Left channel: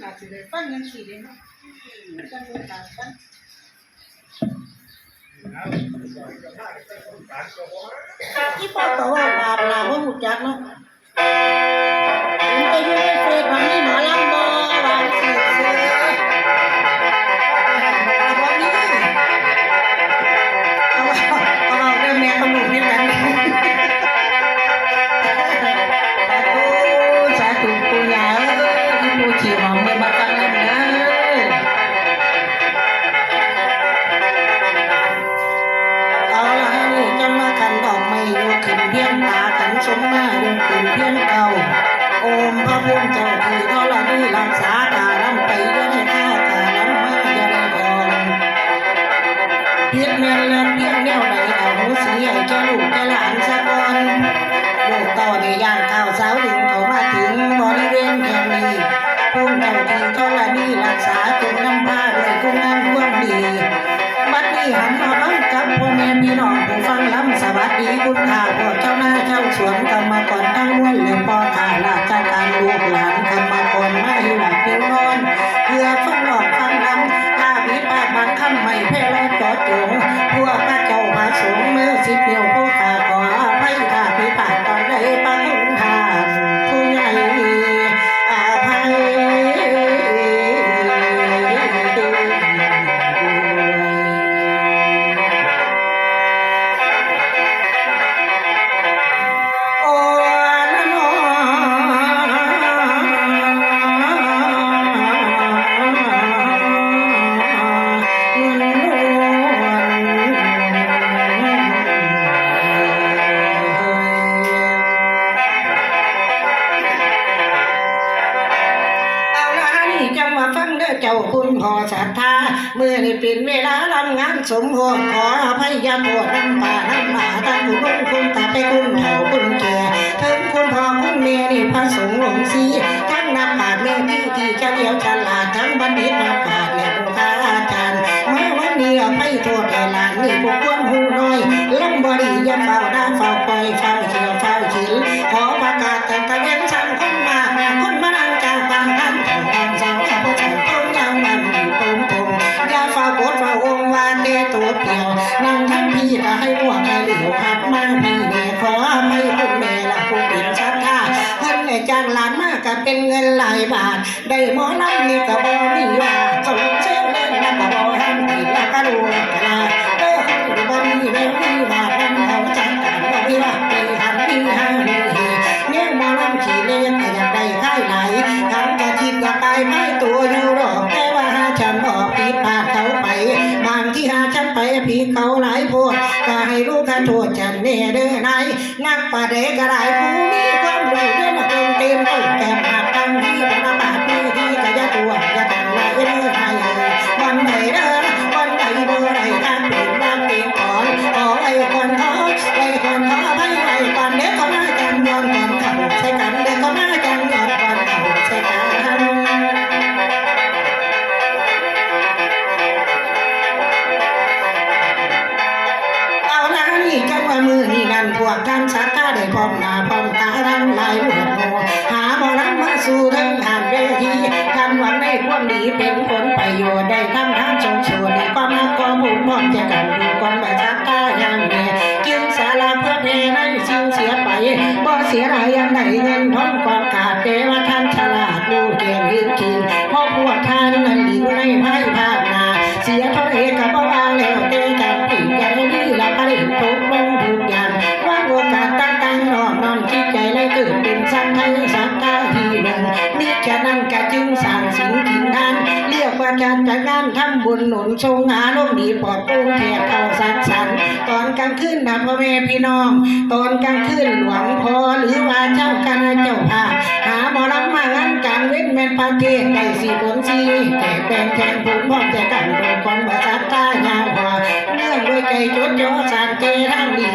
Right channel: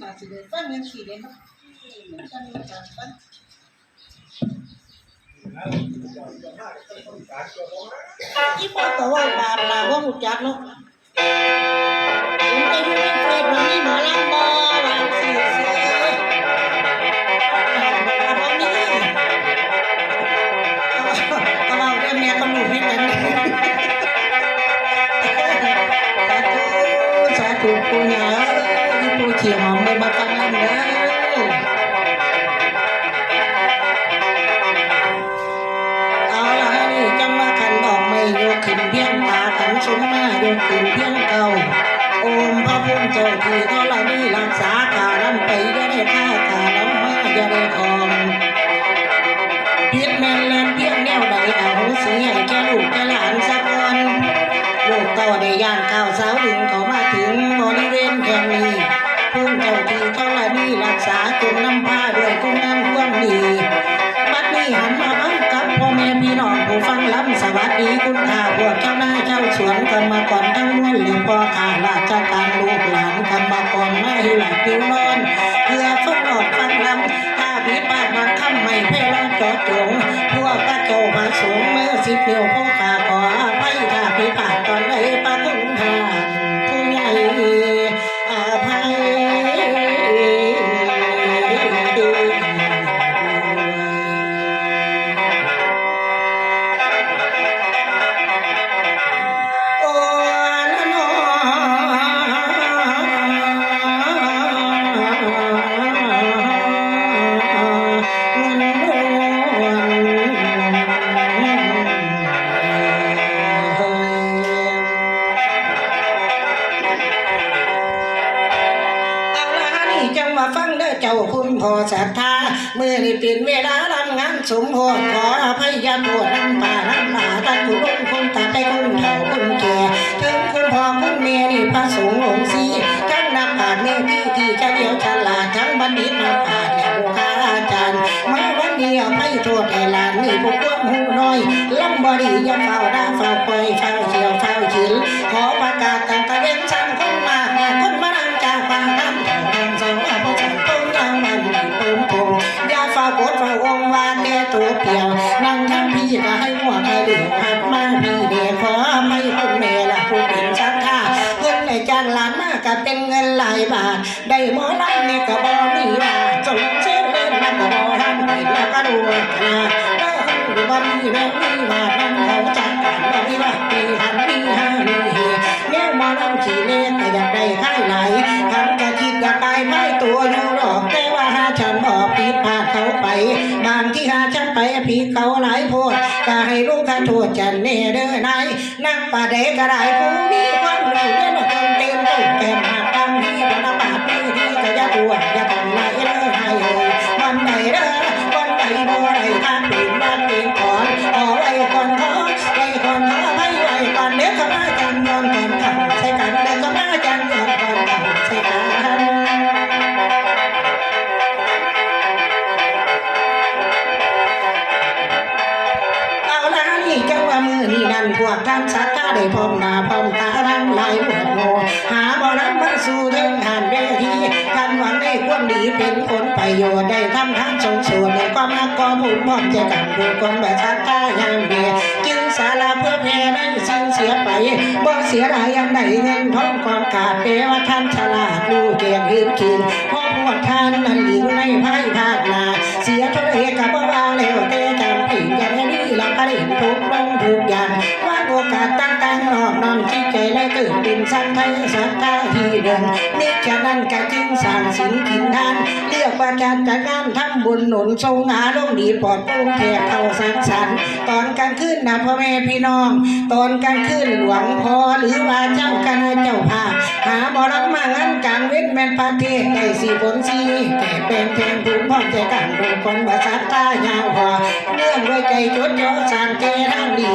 หนาสิเลยฟังยังสี่เลยเนาะจังเลยจังฟังที่ป้าตัวว่าบาปลาบ่หูจักเนาะเห็นไปอยู่ในเฟซมา นี้ทุกอา ทั่วแต่ลานนี่พวกคนหูน้อยลำบริย่าเฝ้าด่าเฝ้าคอยเฝ้า เสียไปบ่เสียหายยังไหนเงินทองกองกาดเทวท่านฉลาดดูเกียงยืนคืนพอพวกท่านนั้นอยู่ไม่พ่ายพลาดนาเสียเท่าเอกกับบ่วางแล้วเตะกันอีกอย่างนี้ละผลิตทุกลงทุกอย่างว่าโอกาสต่างๆนอกนำที่ใจได้ตื่นเป็นสังไทยสังกาทีเดิมนี่แค่นั้นแกจึงสั่งสินขินทานเรียกว่าการจัดงานทำบุญหนุนทรงหาลงหนีปอบปุ้งแทกเข่าสักสันตอนกลางคืนนะพ่อแม่พี่น้อง นประเทศไก่สีผลสีแก่เป็นแทงผูกพ้องจะกันผูกคนมาจัาทใต้ยาวหัวเรื่องด้วยใจจดย่อสานเกทางดี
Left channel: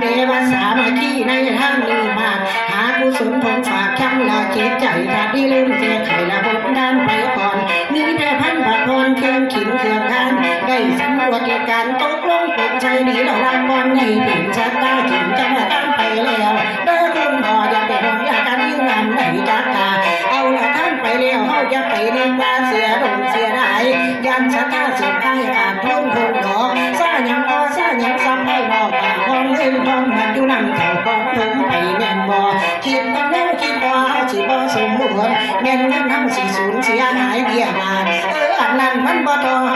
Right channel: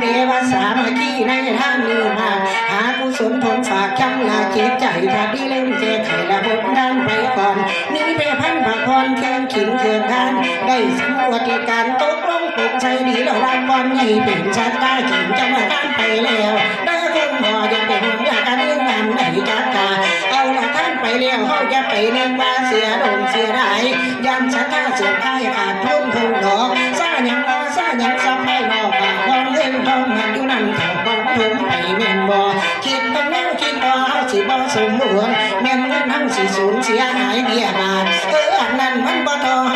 เทวสามาคีในทางนี้มาหากุศลผลฝากคำลาเกตใจถ้าดีเล่นแก้ไขระบบด้านไปก่อนนี่แต่พันผักพรเครื่องขินเครื่องทานได้สำรวจการตกลงตกใจดีระวังก่อนให้เป็นชะตาถึงจะมาตามไปแล้ว เฮาจะไปนึกว่าเสียดมเสียดายยันชะตาเสียค่ายขาดพ้นพ้นดอซาหยังว่ซาหยังซ้ำให้นอกปากห้องเล่นท้องมันอยู่นั่นเท่าของผมไปแม่นบ่คิดเป็นแนวคิดบ่เฮาสิบ่สมหวรแม่นเงินทั้งสิสูญเสียหายเบี้ยมาเอออันนั้นมันบ่ทอ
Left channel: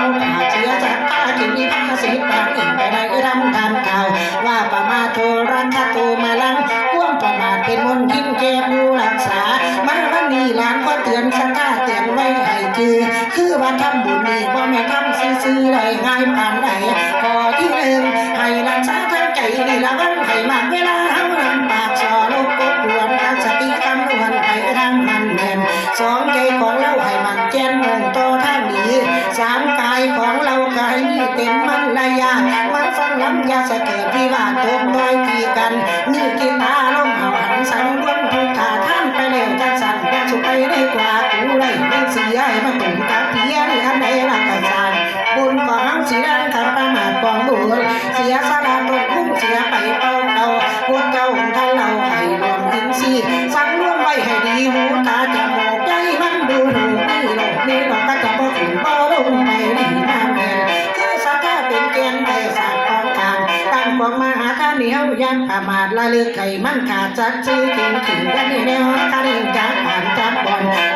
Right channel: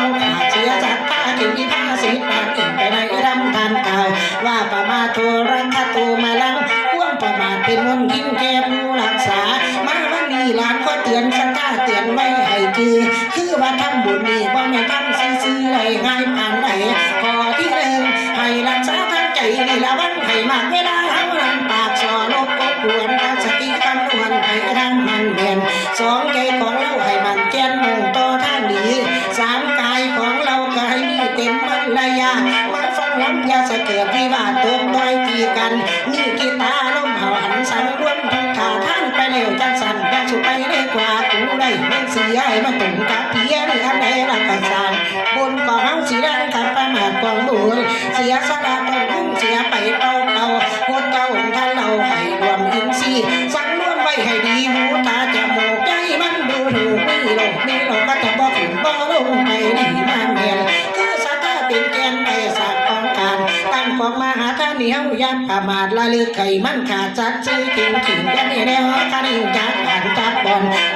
ไก่มันขาดจัดชื่อถึงถึงกันนี่แนวคดีจับผ่านจับบอล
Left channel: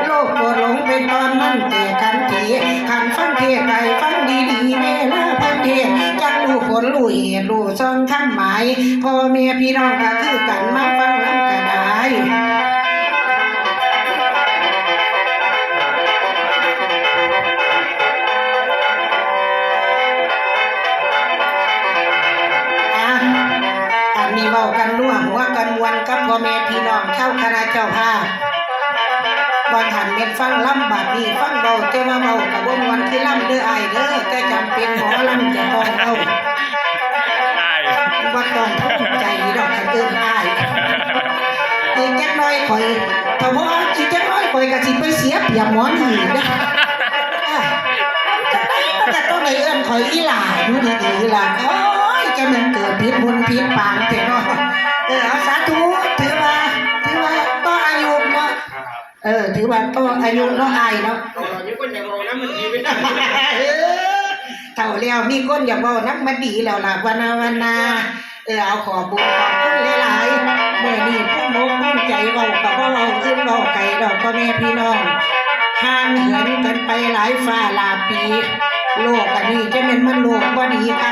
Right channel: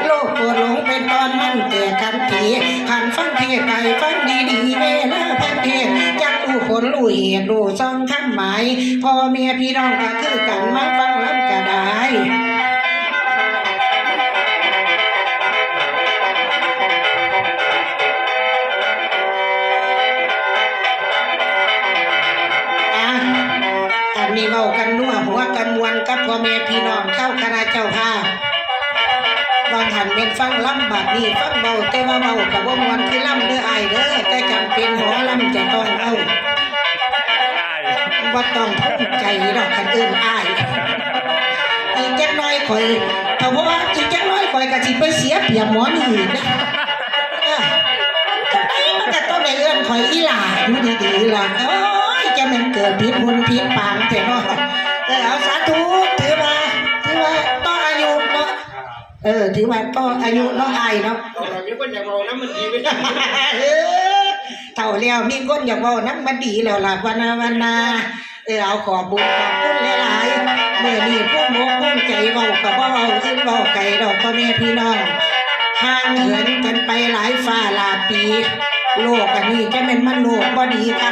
จะมันเกิบุญผิดปางแต่เนาะเออเอาสาธุถือว่าถือว่าต้องอายุเนาะเออ ถือว่าต้องอายุเนาะอายเนาะเรามีคนอยากมองนะมันดีไม่ได้เออเท่าแล้วมีคนอยากบอกน้ำมันดีแล้วล่ะวันนาวันนาเออเอาขอบุญขอบคุณหลายๆเมื่อนี้พวกโมกพวกใจเบากับว่าเราขึ้นดอกไก่ดอกพ่อแม่พี่น้องห่างเหินกันไปหลายฝ่าหลาปี โลกอันนี้จะเป็นมันโลกบ่ดีคัก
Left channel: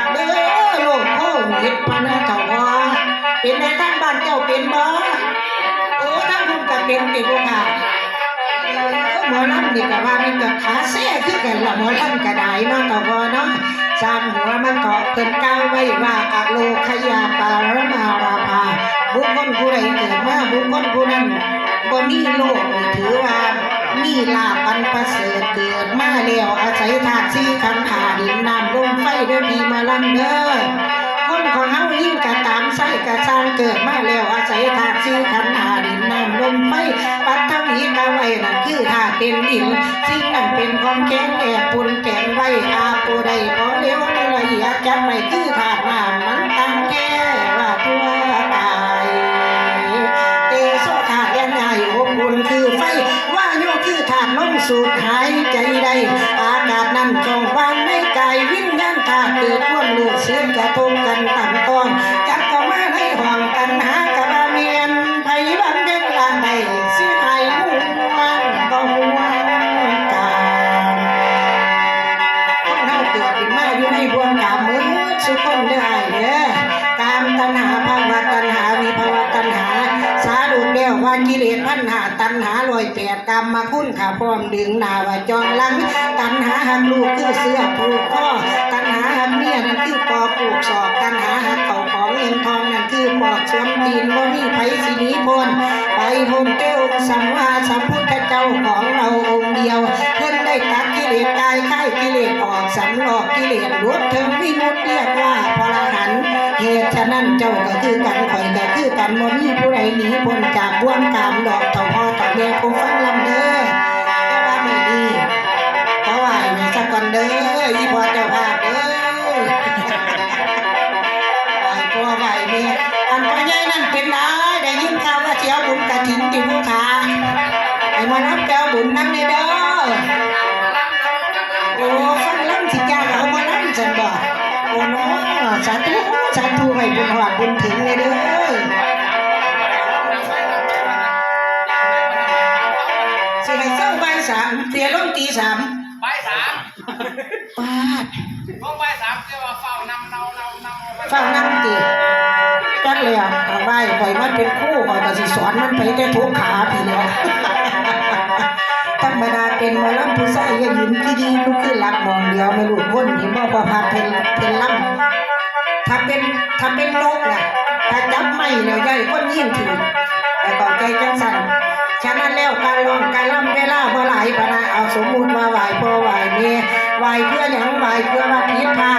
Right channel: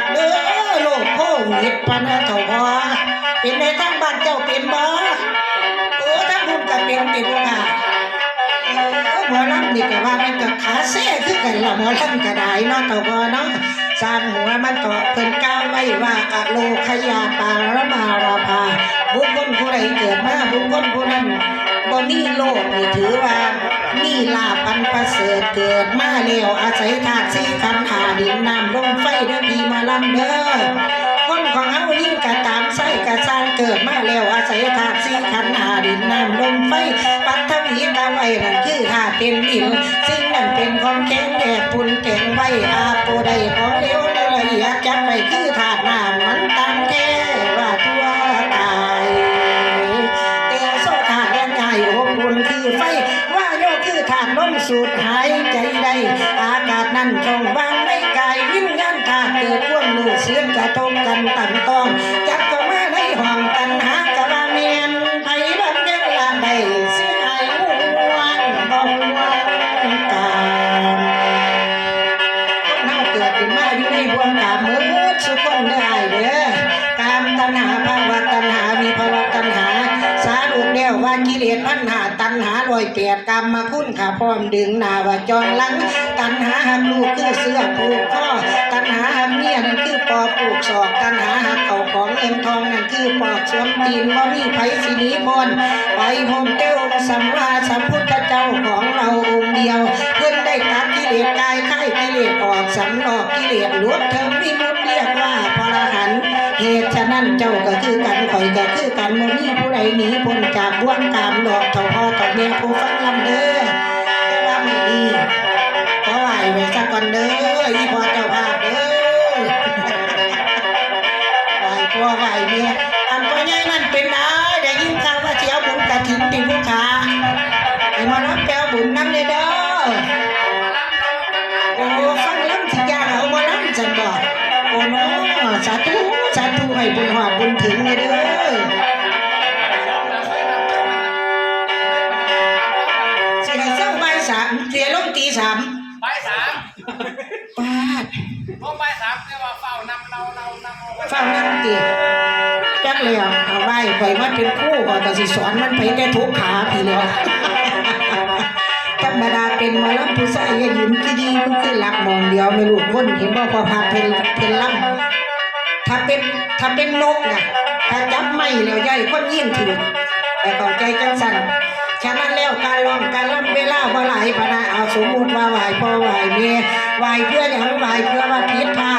ก็เป็นเป็บ่อหมอลำนี่ก็ว่ามันก็ขาเซ่คือกันละหมอลำก็ได้เนาะต่อบ่เนาะสร้างหัวมันก็เพิ่นกล่าวไว้ว่าอโลคยาปาระมาราภาบุคคลผู้ใดเกิดมาบุคคลผู้นั้นบ่มีโลกนี่ถือว่ามีลาภอันประเสริฐเกิดมาแล้วอาศัยธาตุสี่ขันธ์หาดินน้ำลมไฟเด้อพี่มาลำเด้อคนของเฮายิ่งกะตามไส้ เกิดมาแล้วอาศัยธาตุสี่ขันหาดินน้ำลมไฟปัตตวีกาไว้นั่นคือธาตุเป็นดินสิ่งนั้นเป็นของแข็งแก่ปุนแข็งไว้อาโปได้ขอเลี้ยวได้ละเอียดจับได้คือธาตุน้ำมันตามแก่ว่าทั่วกายเตโซธาตุยังไงอบอุ่นคือไฟว่าโยคือธาตุลมสูดหายใจได้อากาศนั้นจองบ้านในกายวิญญาณธาตุเกิดร่วมลือเสียงกระทบ สวนตีนบ่มีไผสิหนีพ้นไปพ้นเต้วสัมมาสัมพุ ฉันบอกโอ้น้อสาธุสาธุให้บุญหอดบุญถึงเลยเด้อสิให้เศร้าบ่สามเสียลงตีสามไปสามป้าดลงไปสามจะว่าเฝ้านำเนาเนาเนาฟังน้ำตีจักเลยอะเอาไว้ข่มาเป็นคู่ก่อนแต่สิสอนมันไปได้ทุกขาทีเดียว เป็นมอลำผู้ชายอย่ายืนที่ดีผู้ขึ้นหลักมองเดียวไม่รู้คนเห็นบ่พอพาเป็นเป็นลำถ้าเป็นถ้าเป็นนกน่ะถ้าจับไม่แล้วย่อยคนยิ่งถึงแต่ต่อใจจังสั่นฉะนั้นแล้วการร้องการลำเวลาพอไหลพอไหลเอาสมมุติมาไหวพอไหวเมไหวเพื่อหยังไหวเพื่อว่าผิดพลา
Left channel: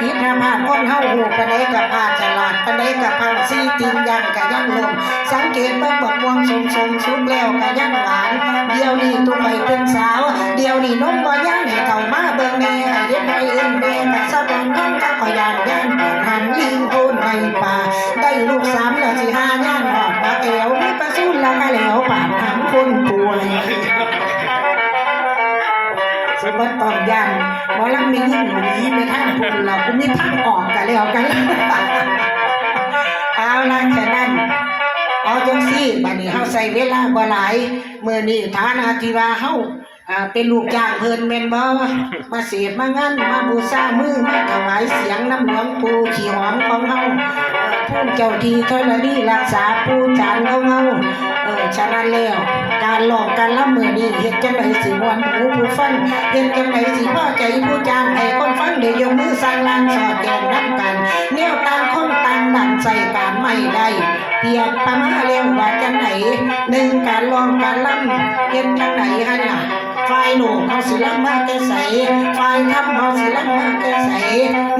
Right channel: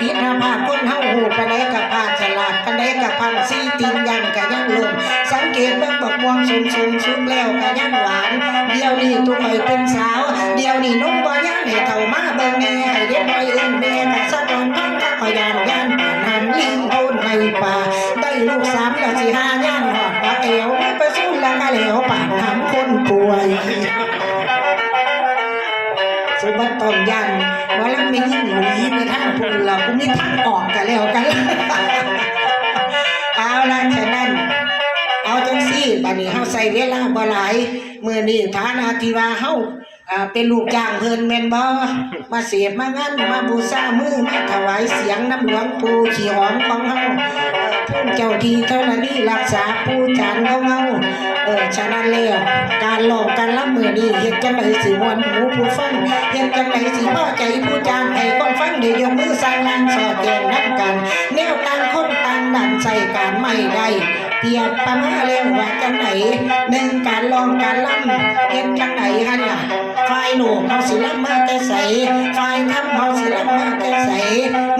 ดถ้าผิดถ้าพลาคนเฮาหูกันได้กับพลาฉลาดกันได้กับพังซีตินยังกันยังลมสังเกตว่าบกวงสูงสูงสุดแล้วกันยังหวาน เดี๋ยวนี้ตุกไปเป็นสาว เดี๋ยวนี้น้องบ่ยังให้เต่ามาเบิ่งแม่ให้เด็กไปอยเอิ้นแม่มาสะบังทั้งก็ขอยานย่านปานนั้นลิงโพนในป่าได้ลูกสามแล้วสิหา สมบัติตอนยันหมอลำมียิ่งหนีในทางพูนเรากูมีทาออกกันแล้วกันเอาล่ะฉะนั้น เอาจังซี่บัดนี้เฮาใส่เวลาบ่หลายมื้อนี้ฐานะที่ว่าเฮาอ่าเป็นลูกจ้างเพิ่นแม่นบ่มาเสียบมางานมาบูชามือมาถวายเสียงน้ำหลวงปู่ขี้หอมของเฮาเอ่อผู้เจ้าที่ธรณีรักษาปู่จานของเฮา ออฉะนั้นแล้วการหลอกการรำมื้อนี้เห็นจังไดสิม่วนหูผู้ฟังเห็นจังไหนสีพ่อใจผู้จางไอ้คนฟังเดี๋ยกมือสร้างลานสอดแกงนํกันแนวต่างคนต่างดันใส่การไม่ได้เตียบประมาเรียงว่าจังไหนหนึ่งการลองการล่ำเห็นจังไหนฮะเนี่ย หนุ่มเขาสิลัมาแต่ใสฝ่ายทำเขาสิลัมาแต่ใส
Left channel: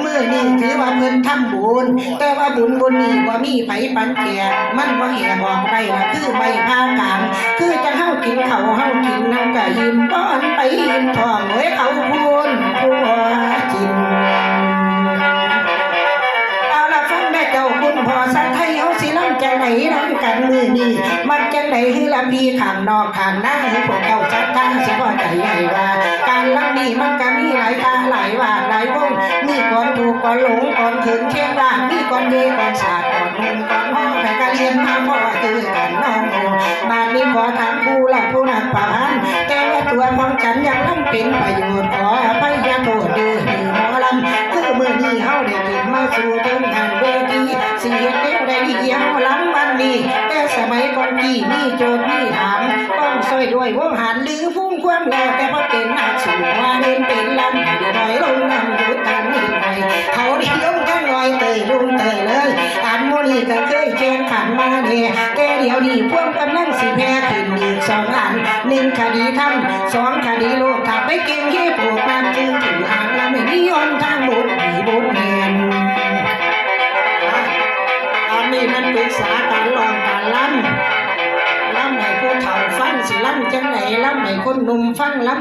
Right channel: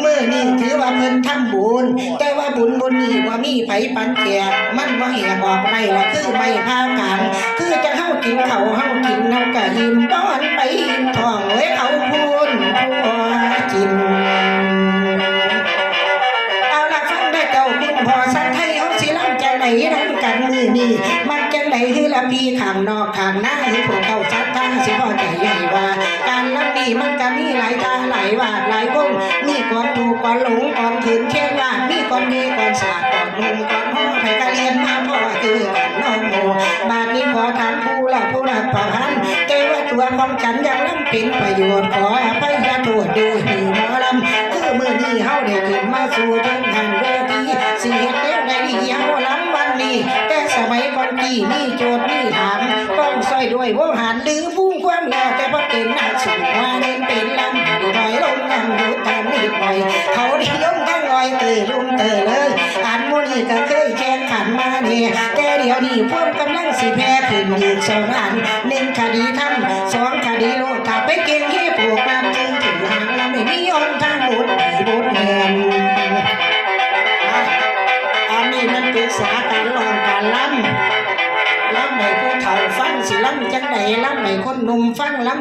เมื่อนี่ถือว่าเพิ่นทำบุญ แต่ว่าบุญบุญนี้ว่ามีไผปันแก่มันว่าแหบออกได้ละคือใบผ้ากลางคือจะเฮากินเขาวเฮากินน้ำกะยิมป้อนไปยิมทองเอ้ยเอา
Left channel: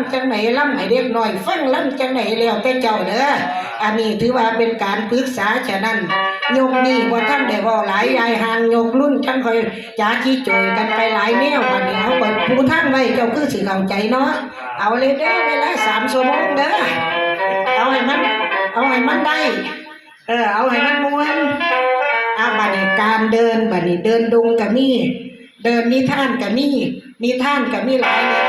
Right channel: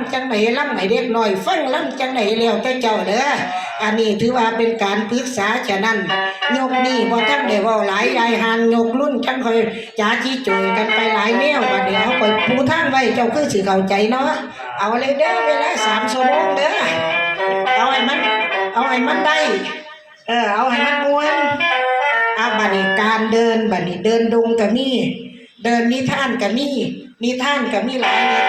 ำจังไหนล่ำให้เด็กน้อยฟังล่ำจังไหนเลี้ยวแต่เจ้าเด้ออันนี้ถือว่าเป็นการปรึกษาฉะนั้นยกนี่บ่ทันได้เว่าหลายยายหางยกรุ่นจังค่อยจ้าจี้จุยกันไปหลายแนวบัดนี้เอาไปผู้ท่านไว้เจ้าคือสิเข้าใจเนาะเอาเลยเด้อเวลา3ชั่วโมงเด้อเอาให้มันเอาให้มันได้เออเอาให้มันม่วนอาบัดนี้การเดินบัดนี้เดินดงกับมีเดินนิทานกับมีนิทานกับมีหลายนิทา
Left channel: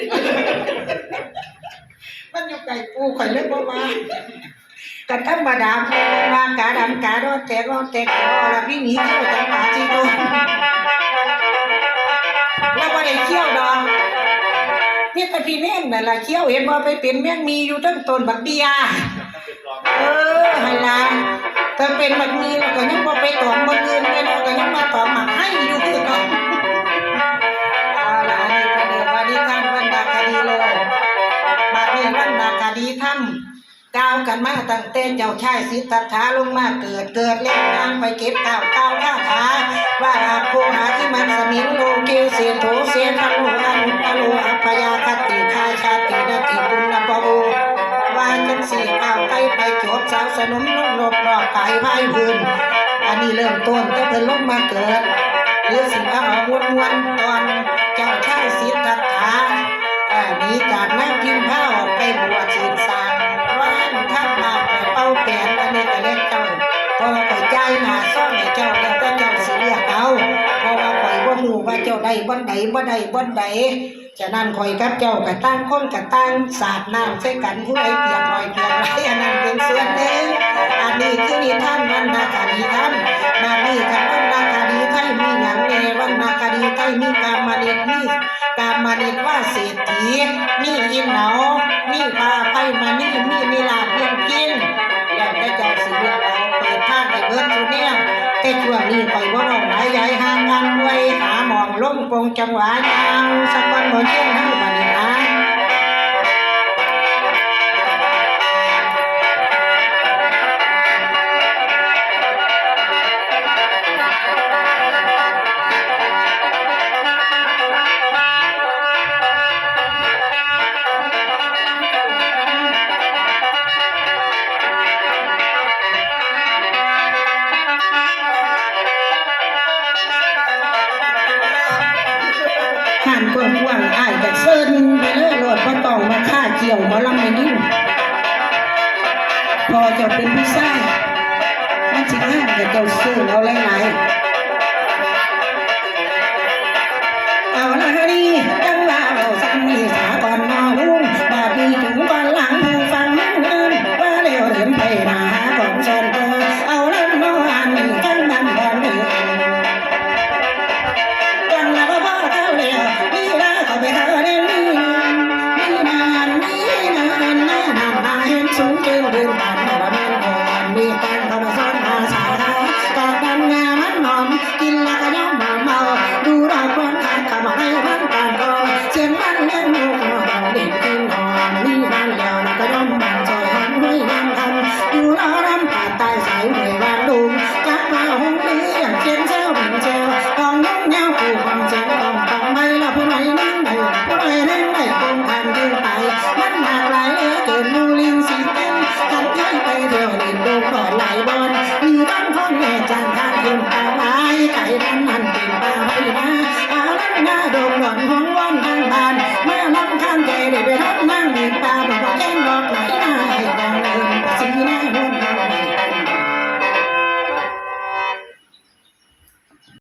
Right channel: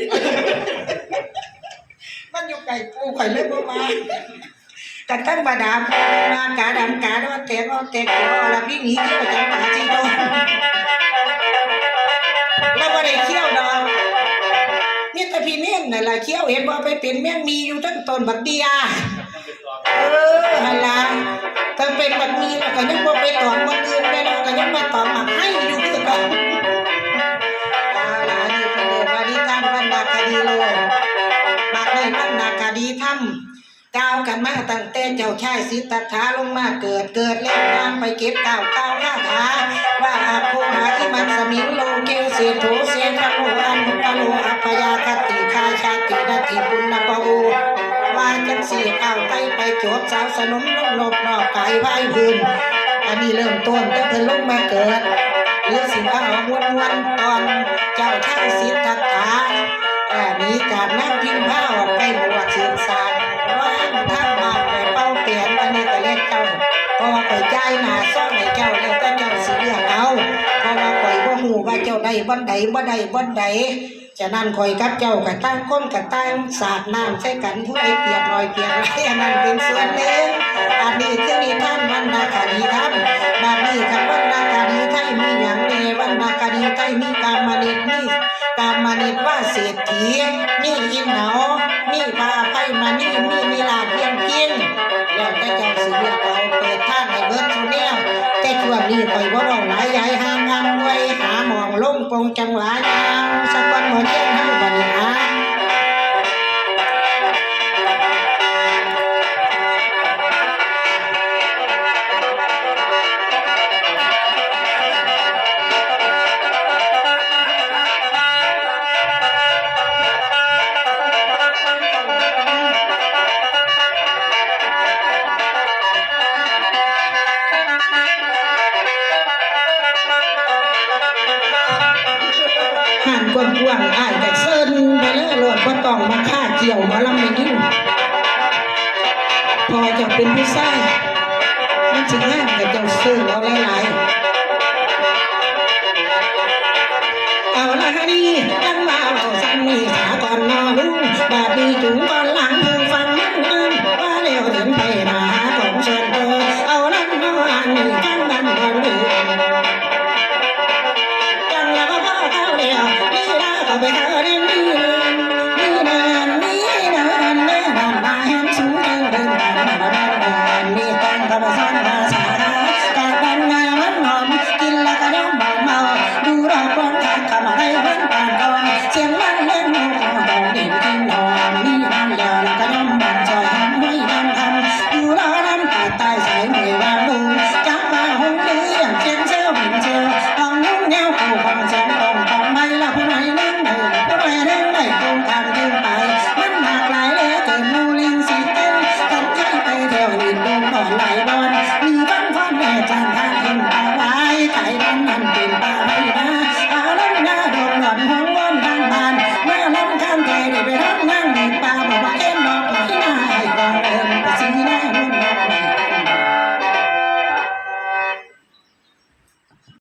ร์ขึ้นมาวางที่มันอยู่ไก่ปูข่อยเลยบ่มากันธรรมดาว่ากาดำกาดอนแต่วอนแต่เขียวอรพินหนีเที่ยวจำปาสีโตนเราบ่ได้เที่ยวดอกมีแต่พี่เม่นนั่นล่ะเที่ยวเห็นบ่ไปเป็นแม่นมีอยู่ทั้งต้นบักเดียเออหั่นล่ะถ้าเป็นบักมีแล้วก็ยังบ่ไปตอมบ่อื่นไปเมาตั้งแต่เจ้าชายสิทธัตถะลงมาเกิดเกิดแล้วนางไปเก็บเก้าวก้าข้าขาว่าอาภูหาที่มันสมิงโลเกวเสียโถเสียทันโลอันอโลอัพยาคติคาชาตินาติบุญนปโดว่าจังสี่ก้าไปไปจบสาวสนมนกนกนอกไก่ไพ่พื้นอันนี้เริ่มต้นแต่เพิ่นลงมาเกิดหรือสิว่าเอาวนวนๆตอนเจ้าชายสิทธัตถะหนีจากนางพิมพาออกไปบวชศึกษาว่า หน้าซ่อมให้เจ้าแล้วแต่เจ้าสิเลือกเอาเพราะว่าข่อยบ่ฮู้ว่าเจ้าได้บ่ใดบ่ได้บ่ใดฉะนั้นคอยกับเจ้ากับตั้งคนกับตั้งสาดน้ำใส่กันผู้ใดเปียกรอยเปียกไรอันนั้นเป็นส่วนหนึ่งอันนี้คือนิทานวันนาคาดีท่านบาดนี้คำวันนาคาดีไทยมีอย่างเนวันนาคาดีไทยมีกามมาเนตมีกามมาเนตว่าเศรษฐี